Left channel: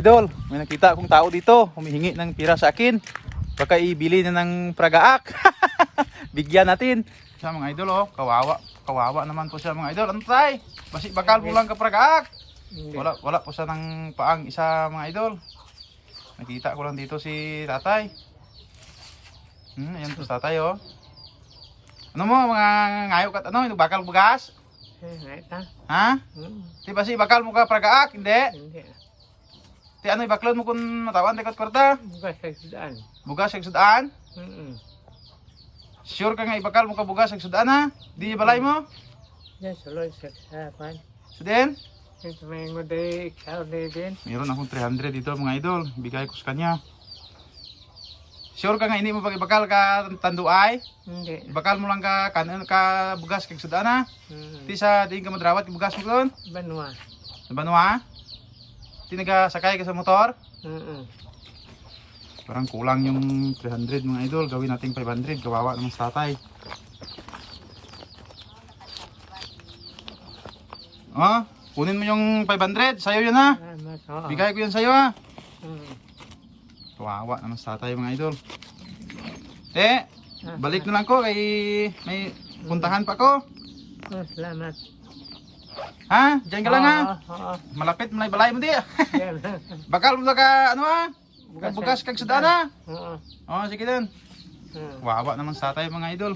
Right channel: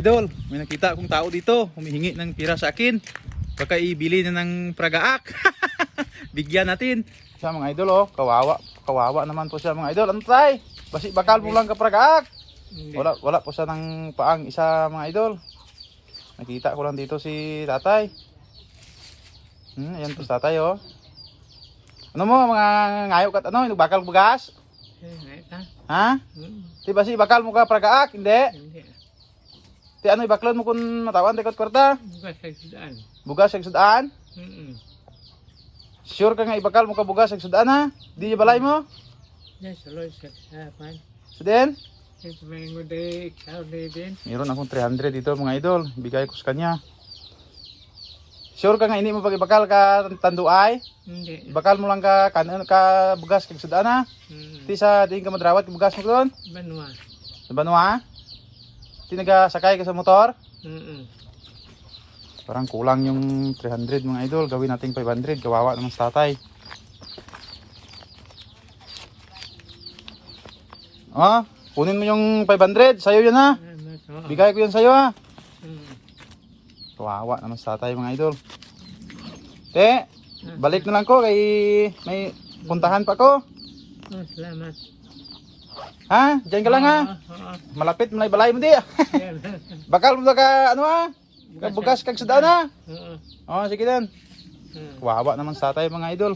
Idol, may nakita akong tao dito, humihingi ng tira sa akin. Baka ibili na ng pragaak. Bigyan natin. Siya mga idol, oh, kawawa. Kawawa naman po siya mga idol. Ano tayo? Basi bakal mo lang ka pragaak. Wala po siya ng paang isa mga idol. Nakita ko lang dito si tatay. Ayan po si tatay, oh. Ano mo mga ngayok at ano, bakal bugas? Ha? Di ba si bakal mo ka pragaak? Hindi. Ti ano ibaklon mo kung natawan dekat kwarta? Bukas sa sudaan. Bugas sa sudaan? Sure ka nga ibakal mo ka bugas sa sudaan ha? Di niya balay mo? Yan, saloy sa kasapan. Sudin? Ito may nguday, ikaw din. Meron akong 300 dito mga idol. Bigay ko sa kanya. Sure ka nga hindi mo pag ibakal ka tanduay? Hindi. Ibakal mo lang ka kanon ka bugas kag sudaan ha? Di sa diin ka madrawat bugas mo doon? Banwa. Sa Banwa? Di nagasakay ka sa motor? Parang kulang yung 300 mga idol. Gawin natin 500. Kawawa naman sa tatay. Ah, kunin mo yung 500. Sa'yo yan ha. Bigay ko yan sa'yo ha. Kawawa naman sa tatay mga idol. Balik na lang ko. Kay may puntahan pa ko. Salamat. Ha? Diyan ka lang ha. Oo. Malapit mo na ibalay mo di. Bakal mo na ka ano ha. Bugas kag sudaan ha. Oo. Oh, sige dan. Kawawa naman sa tatay mga idol.